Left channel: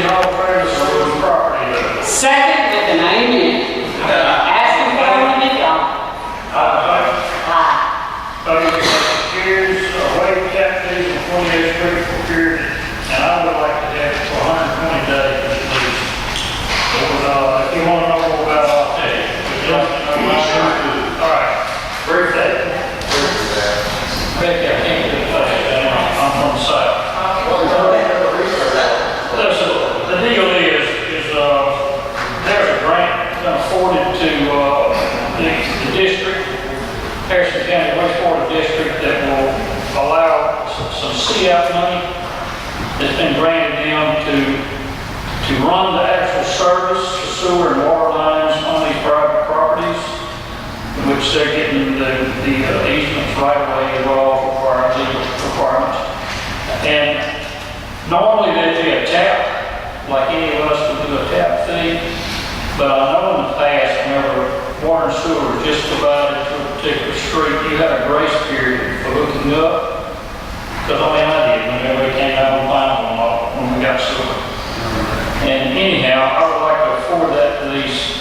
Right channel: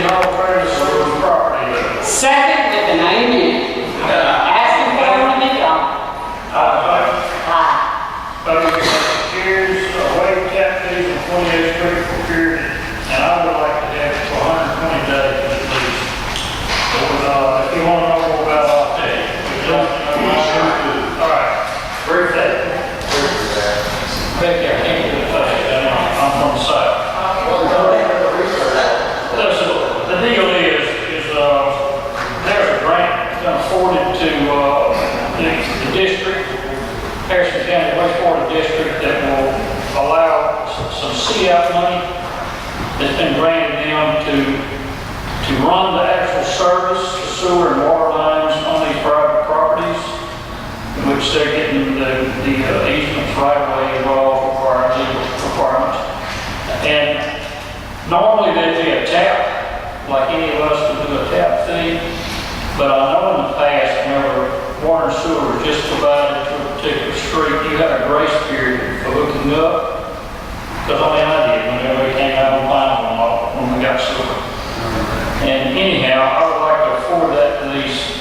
City Hall Trails Sewers property. Second with an amen. Asking for it when it's done. Aye. Motion carries, waive tap fees on 28th Street for period, and I would like to have it for 120 days at least. If you want to know more about it, I'll tell you. Would you like to know more? All right, brief that. Becky, I can't get it fast, I'm from the south. The deal is there's a grant afforded to the district, Harrison County Wastewater District, that will allow some CF money that's been granted them to run the actual service, the sewer and water lines on these private properties, in which they're getting the easements right away involved requiring legal requirements. And normally there'd be a tap, like any of us would do a tap fee, but I know in the past, whenever water and sewer was just provided to a particular street, you had a grace period for hooking up, because I did whenever we came out and found them all when we got sewer. And anyhow, I would like to afford that to these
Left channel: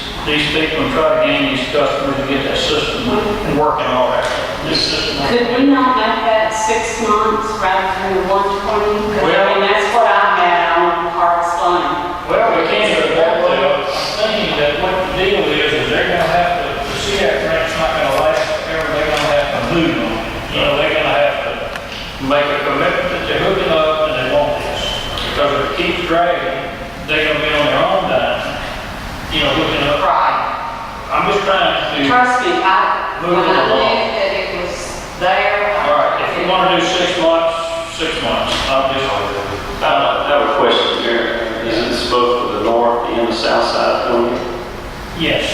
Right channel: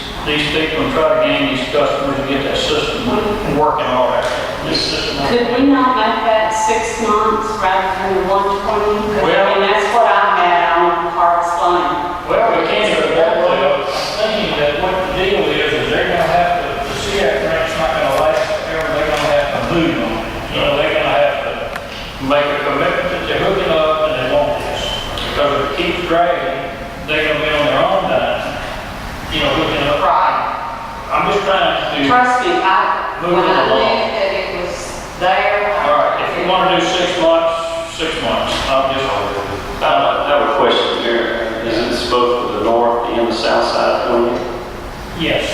people and try to gain these customers and get that system working all right. This system. Could we not make that 6 months rather than the 120? Well, I mean, that's what I had on Harvest Lane. Well, we can't go that way. I'm thinking that what the deal is they're going to have to, the CF grant's not going to last forever. They're going to have to move them. You know, they're going to have to make a commitment that they're hooking up and they want this. Because if it keeps dragging, they're going to be on their own dime, you know, hooking up. Right. I'm just trying to Trust me, move when it I along. knew that it was there. All right, if you want to do 6 months, 6 months. I'm just. I have a question here. Is it both for the north and the south side of it? Yes.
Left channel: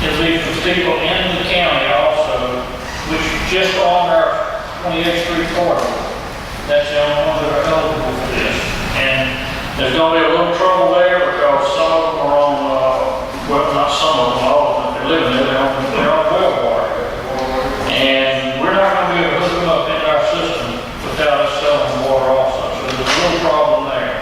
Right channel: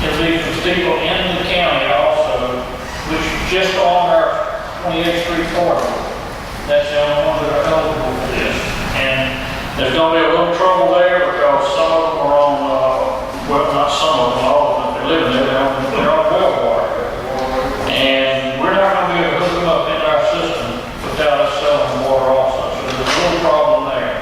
It'll be for people in the county also, which just on our 28th Street corridor. That's the only ones that are eligible for this. And there's going to be a little trouble there because some of them are on, well, not some of them, all of them, if they're living there, they're on well water. And we're not going to be able to hook them up into our system without us selling water also. So there's a little problem there.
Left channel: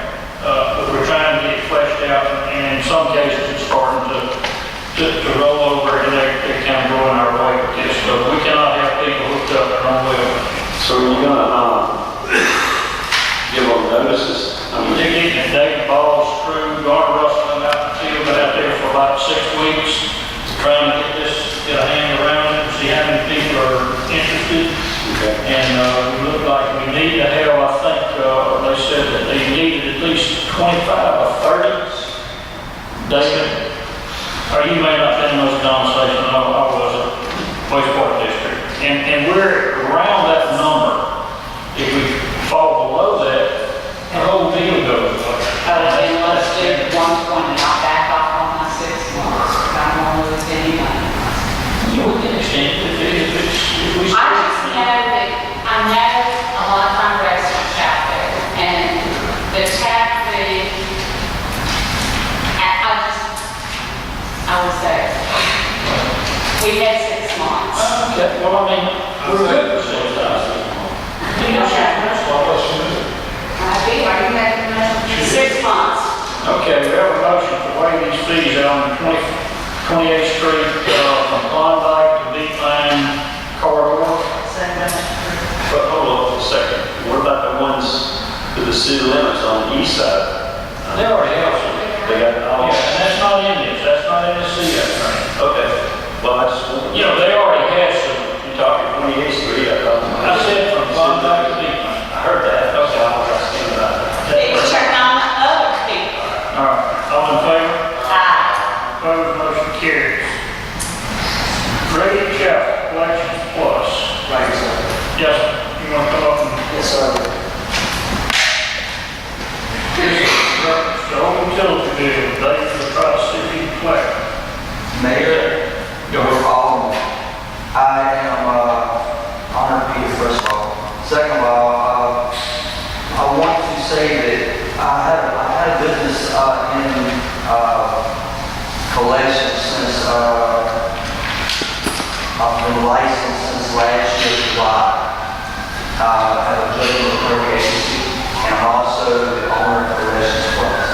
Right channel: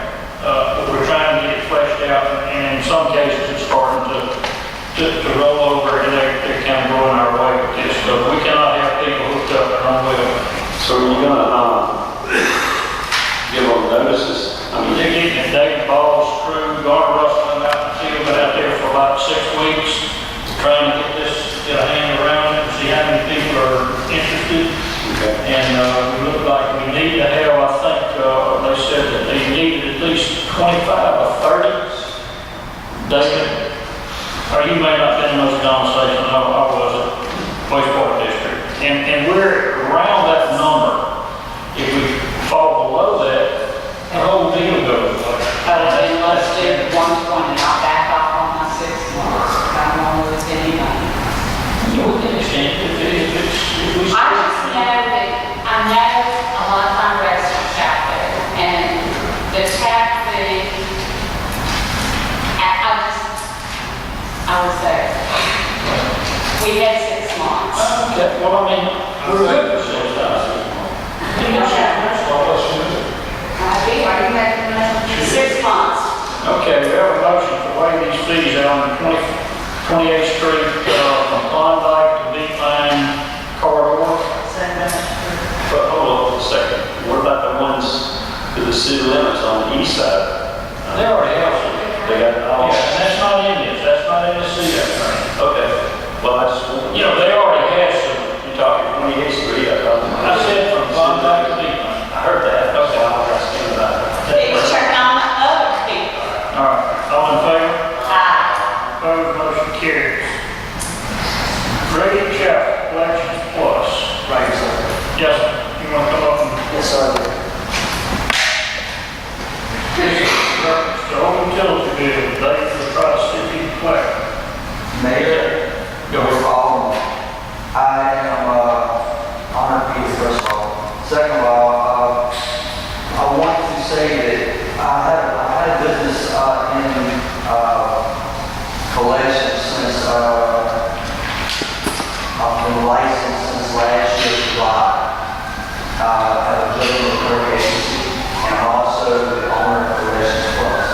But we're trying to get it fleshed out, and in some cases it's starting to roll over, and they're kind of going our way with this. So we cannot have people hooked up their own well. So are you gonna give them notices? I mean, They're getting David Ball's crew, Garner Russell, and out in the field, been out there for about 6 weeks, trying to get a hand around it, and see how many people are interested. okay. And we look like we need to have, I think, they said that they needed at least 25 or 30. David, or you may not have been in those conversations, I wasn't, wastewater district. And we're around that number. If we fall below that, the whole deal goes away. And let's do 120, I'll back off on my 6 months. I don't want to lose any money. You know, we can extend it if we. I just know that, I know a lot of my residents out there, and the tap fee, I was there. We had 6 months. Okay, well, I mean, we're good for 6 months. Are you making that? 6 months. Okay, we have a motion to waive these fees on 28th Street from Klondike to Beekline corridor. But hold on a second. What about the ones to the city limits on the east side? They already have some. They got all. Yeah, and that's not in this, that's not in the CF grant. Okay. Well, I just want You know, they already have some. you're talking 28th Street. I said from Klondike to Beekline. I heard that. Okay. I was asking about that. It's turn on the other people. All right, all in favor? Aye. Opposed, motion carries. Brady Chapel, Collections Plus. Right, sir. Yes, sir. You want to come up and... Yes, sir. This is the old utility bill, they will try to see if you can collect. Mayor, Go ahead. I am honored to be here, first of all. Second of all, I want to say that I had a business in collections since I've been licensed since last year, July. I have a business clerk agency, and I'm also the owner of Collections Plus.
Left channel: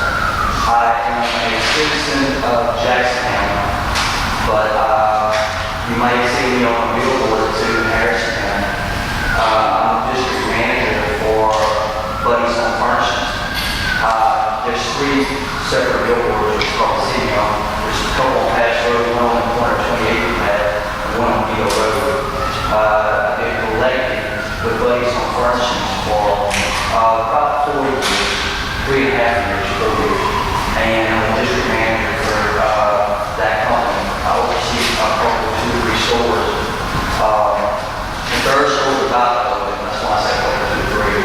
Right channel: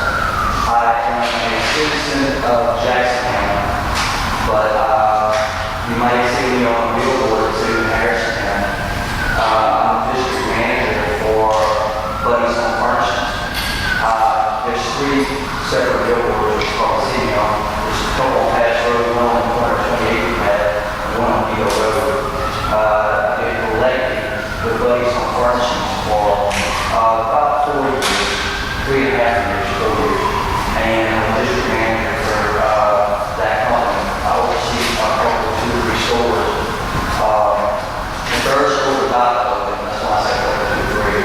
citizen of Jackson County, but you might see me on a billboard too in Harrison County. I'm the district manager for Buddy's Home Furnishings. There's 3 separate billboards across the city. There's a couple on Patch Road, one on the corner of 28th Path, and one on Beale Road. I've been elected with Buddy's Home Furnishings for about 4 years, 3.5 years, 4 years. And I'm the district manager for that company. I oversee probably 2 or 3 stores. The third store is about to open, that's why I say probably 2 or 3.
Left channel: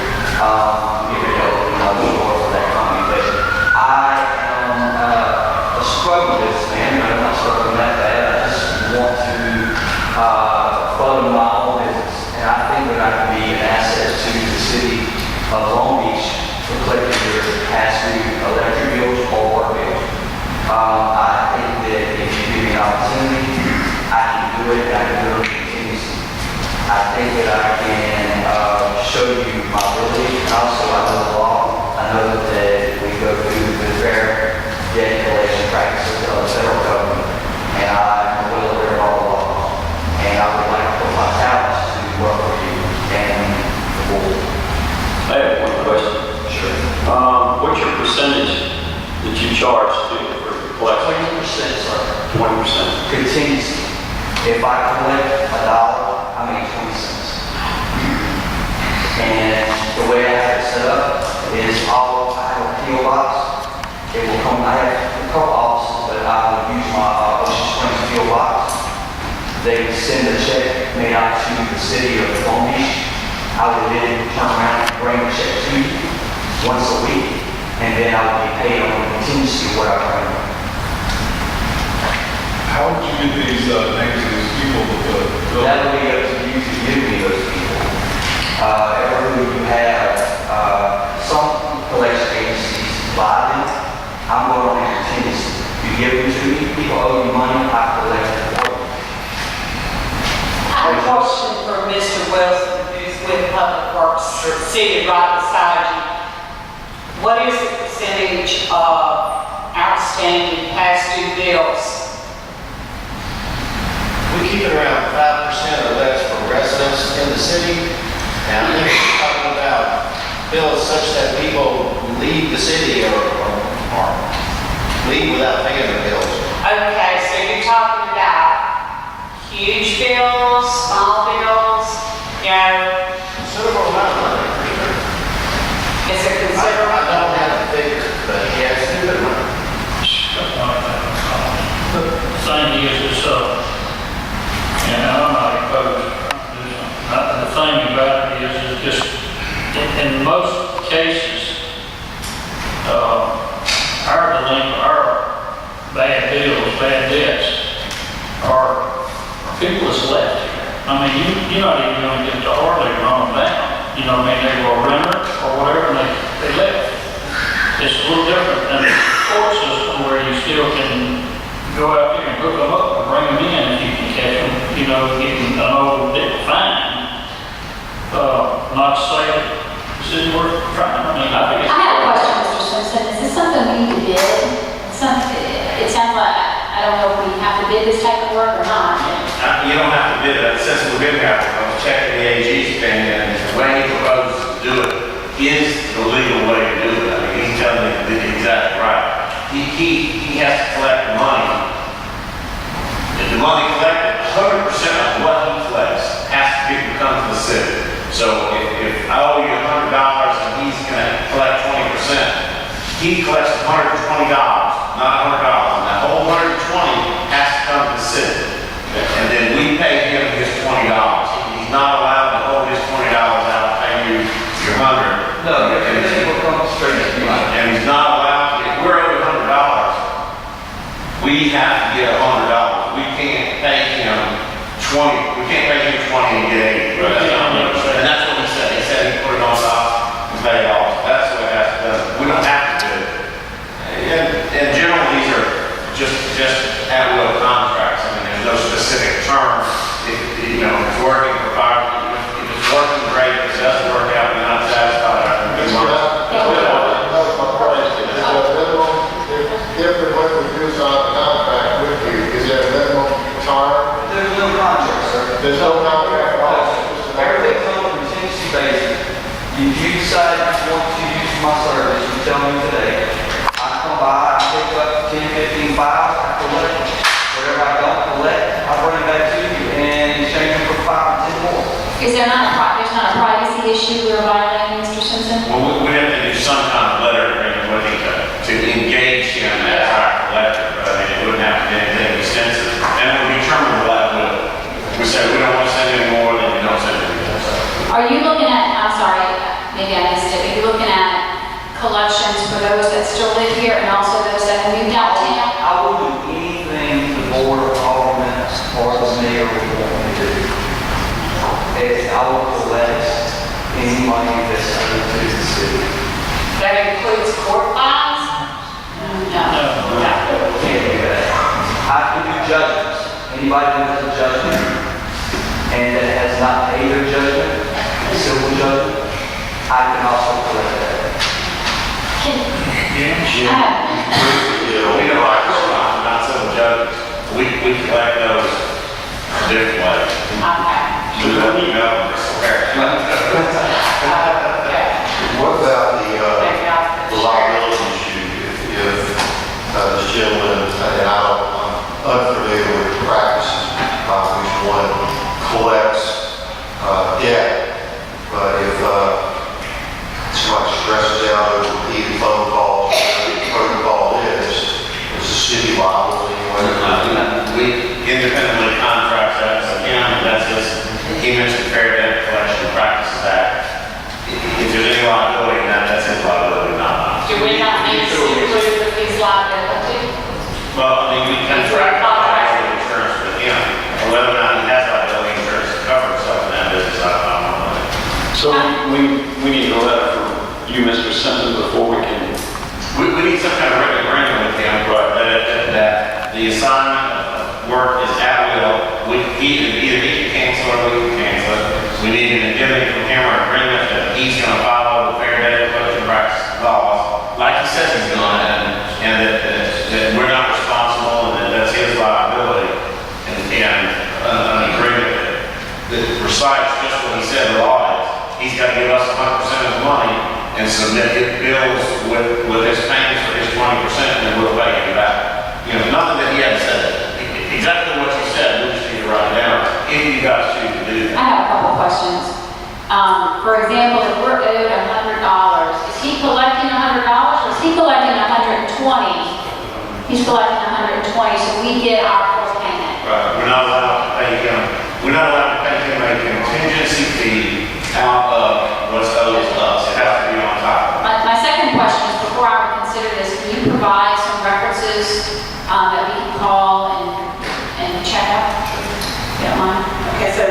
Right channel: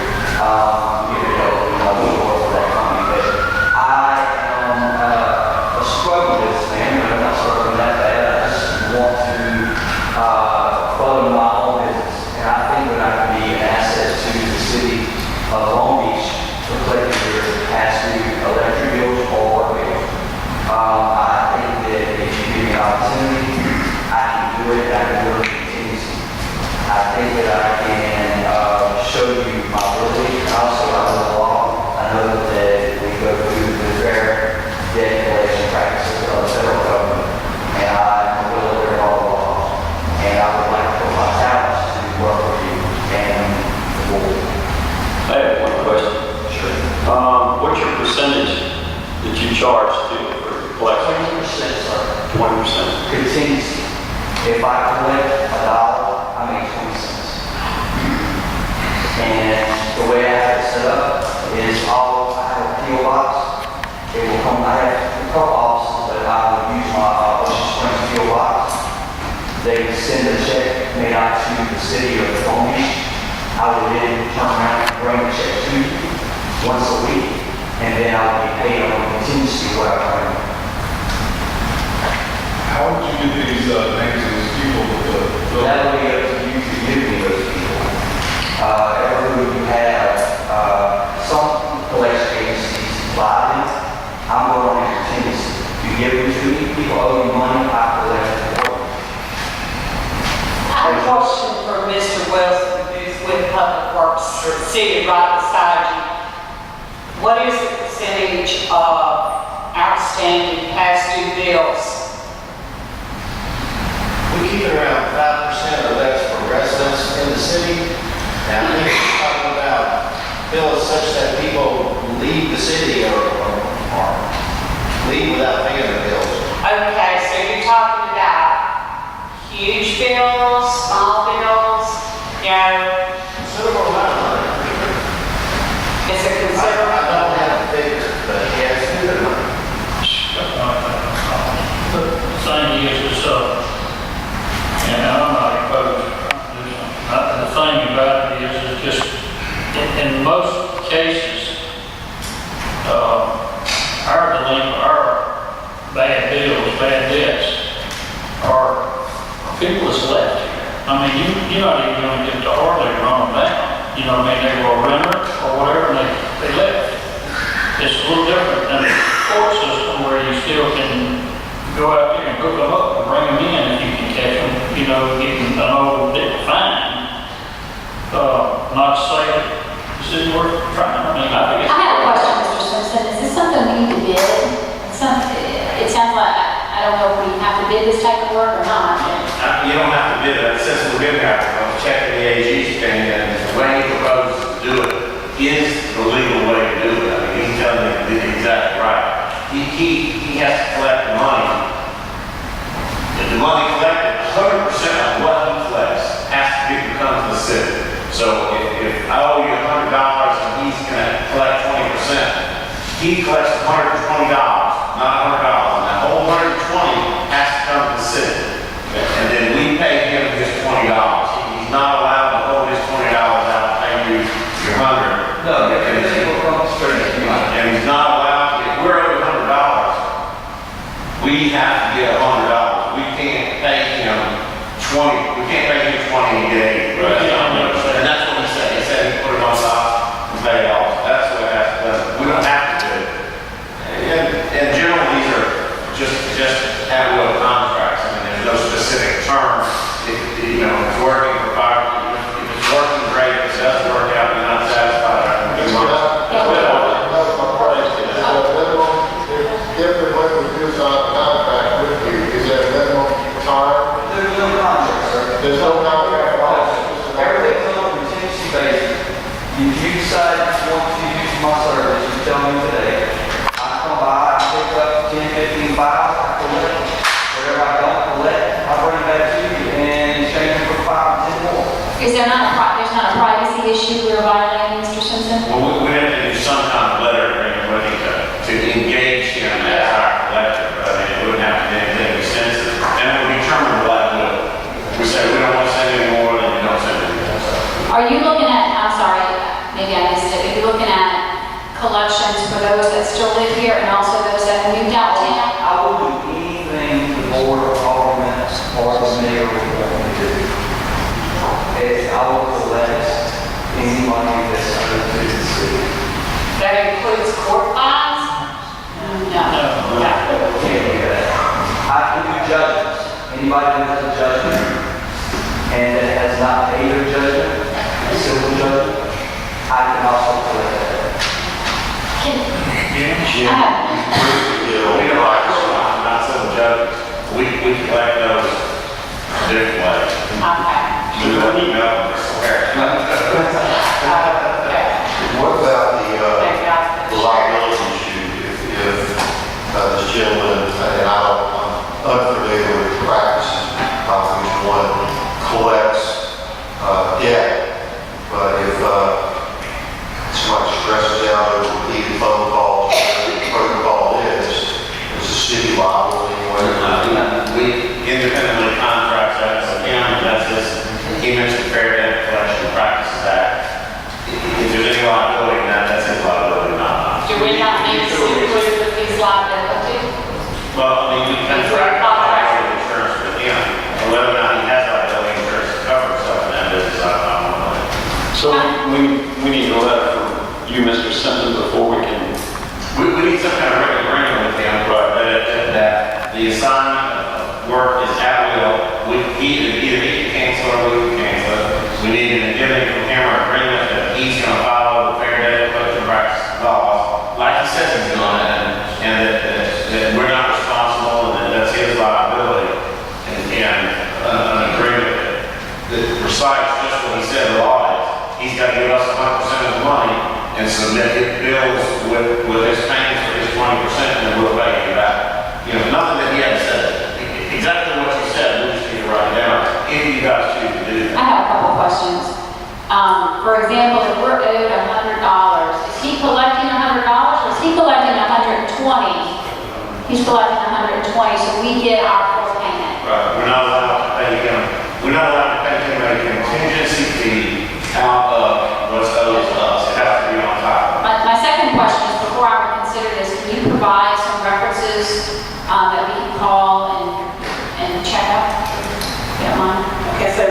Give it another store for that company. But I am a struggle businessman. I'm not struggling that bad. I just want to fund my own business. And I think that I can be an asset to the city of Long Beach for collecting your past due electric bills or water bills. I think that if you give me an opportunity, I can do it, and I can do it continuously. I think that I can show you my ability, and also I know the law. I know that we go through the fair debt collection practices of the federal government, and I'm well aware of all the laws. And I would like to put my talents to work with you and the board. I have one question. Sure. What's your percentage that you charge to for collection? 20%, sir. 20%. Contingency. If I collect $1, I make 20 cents. And the way I have it set up is I have a PO box. It will come, I have a couple offices, but I will use my Ocean Springs PO box. They send a check made out to the city of Long Beach. I will then turn around and bring the check to you once a week, and then I will be paid on the contingency of what I bring. How would you get these names of these people that That will be up to you to give me those people. Every you have, some collection agencies buy them. I'm going on a contingency. You give them to me, people owe you money, I collect it for you. I have a question for Mr. Wilson, who's with Public Works, seated right beside you. What is the percentage of outstanding past due bills? We keep it around 5% or less for residents in the city. Now, I think we're talking about bills such that people leave the city or leave without paying their bills. Okay, so you're talking about huge bills, small bills, you know, Considerable amount of money. it's a I considerable. don't have the figure, but yes, it's good money. The thing is, and I'm not opposed to this. The thing about it is just, in most cases, our bad bills, bad debts, are people that's left here. I mean, you're not even going to get to hardly run them down. You know what I mean? They were a renter or whatever, and they left. It's a little different than the court system where you still can go out there and hook them up and bring them in if you can catch them, you know, getting an old fine. Not to say that this isn't worth trying. I mean, I think it's. I have a question, Mr. Simpson. Is this something we need to bid? It sounds like, I don't know if we have to bid this type of work or not. You don't have to bid it, since we've been here, I'm checking the AG's opinion, and the way he proposes to do it is the legal way to do it. I mean, he's telling you the exact right. He has to collect the money. If the money collected, 100% of what he collects has to come to the city. So if I owe you $100 and he's gonna collect 20%, he collects $120, not $100. And that whole $120 has to come to the city. And then we pay him his $20. He's not allowed to hold his $20 out, pay you your $100. No, everything will come straight to you. And he's not allowed to, if we're over $100, we have to get $100. We can't pay him 20, we can't pay him 20 and get 80. Right? And that's what he said. He said he put it on top and pay it off. That's what it has to do. We don't have to do it. And generally, these are just at-will contracts. I mean, there's no specific term. If it's working for if it's working great, if it doesn't work out, you're not satisfied. That was my question. If the minimum, if the way we my service, you tell me today, I come by, I pick up 10, 15 files, I collect them. Whatever I don't collect, I bring it back to you and exchange them for 5 or 10 more. Is there not there's not a privacy issue we're violating, Mr. Simpson? Well, we have to do some kind of letter agreement with him to engage him as our collector, but I mean, it wouldn't have to be anything extensive. And it would be terminable at will. We say we don't want to send any more, then we don't send any more. So, Are you looking at, I'm sorry, maybe I missed it, are you looking at collections for those that still live here and also those that have moved out of town? I will do anything the board of aldermen or the mayor would want me to do. I will collect any money that's owed to the city. That includes court fines? No. Can't do that. I can do judgments. Anybody that has a judgment and that has not paid their judgment, a civil judgment, I can also collect that. we don't like this one, not civil judges. We collect those different ways. Okay. We don't need no, it's fair. Okay. What about Thank God for the the liability issue if this gentleman, and I'm unfamiliar with the practices, which one collects debt, but if somebody stresses out over repeated phone calls, whatever the protocol is the city liable anyway? We independently contract that as a county, that's just, he mentioned Fair Debt Collection Practices Act. If there's any liability in that, that's his liability, not mine. Do we not need to include with these liability? Well, I mean, we contract liability insurance with him, and whether or not he has liability insurance to cover himself in that business, I don't know. So we need a letter from you, Mr. Simpson, before we can. We need some kind of written agreement with him, but that the assignment of work is at will. Either he can cancel or we can cancel it. We need an indemnity from him or agreement that he's going to follow the Fair Debt Collection Practices laws, like he says he's going to, and that we're not responsible and that that's his liability. And an agreement that recites just what he said the law is. He's got to give us 100% of the money and submit his bills with his payments for his 20%, and then we'll pay him back. You know, nothing that he had said. Exactly what you said, we just need to write it down, if you guys choose to do I that. have a couple questions. For example, if we're owed $100, is he collecting $100 or is he collecting 120? He's collecting 120, so we get our full payment. Right, we're not allowed to pay him a contingency fee out of what's owed to us. It has to be on top of it. My second question is, before I would consider this, can you provide some references that we can call and check out? If you don't mind. Okay, so,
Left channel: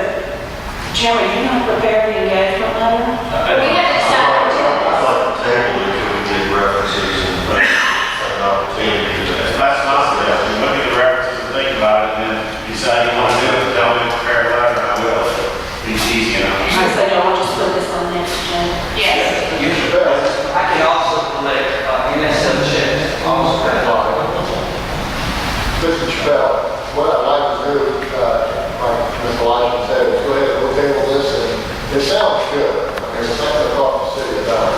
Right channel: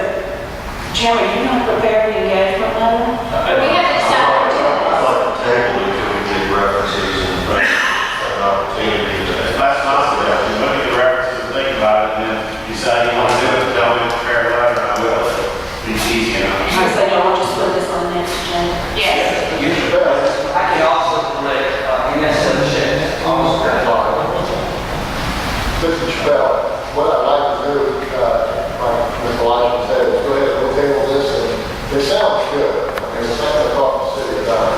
Jim, are you going to prepare the engagement letter? We have to decide what to do. I'd like to table it until we get references and an opportunity to. That's not the best. You look at the references and think about it, and then decide you want to do it, tell me to prepare a letter, and I will. It's easy, you know. I say, no, we'll just put this on the next agenda. Yes. Use your best. I can also collect NSF checks, also that law. Mr. Chappelle, what I'd like to do, like Mr. Elijah said, is go ahead and we'll table this, and it sounds good. I mean, it's something to talk to the city about.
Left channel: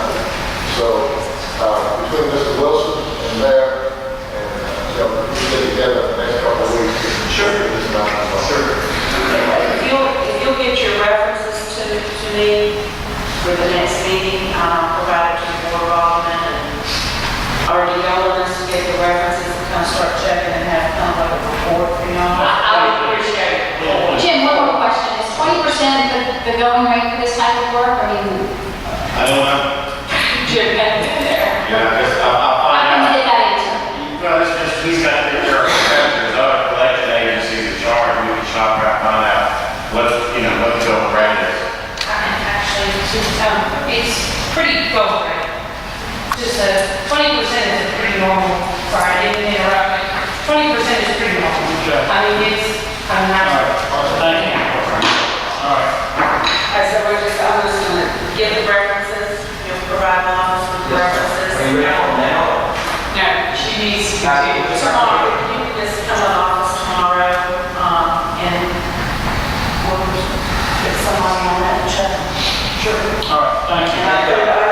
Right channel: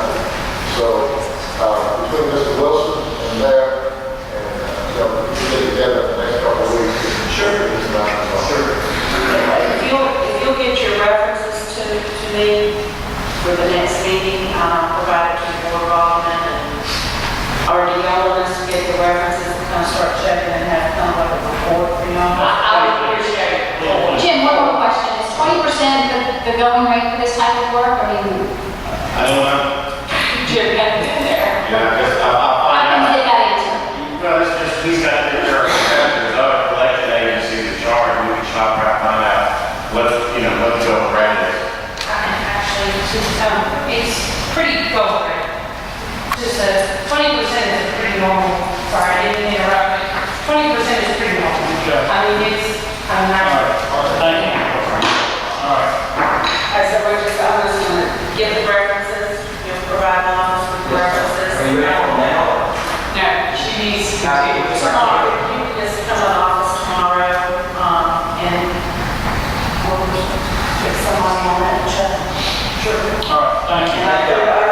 So, between Mr. Wilson and there, and, we get together the next couple of weeks. Sure. If you'll get your references to me for the next meeting, I'll provide it to the board of aldermen, and or do y'all want us to get the references and kind of start checking and have kind of like a report for y'all? I would appreciate it. Jim, one more question. Is 20% the going rate for this type of work? I mean, I don't know. Jim got to be there. Yeah, I guess I'll how find can you out. get that answer? Well, it's just, he's got to get our competitors, other collection agencies in charge, we can shop around, find out what the going rate is. Actually, it's pretty go for it. Just 20% is a pretty normal, sorry, I didn't interrupt, 20% is pretty normal. Okay. I mean, I'm All not. right, thank you. All right. I said, I'm just going to give the references, you'll provide the office with the references. Are you ready for them now? No, she needs to Got it. continue. Tomorrow, you can just come to the office tomorrow, and we'll get somebody on that check. Sure. All right, thank you. And I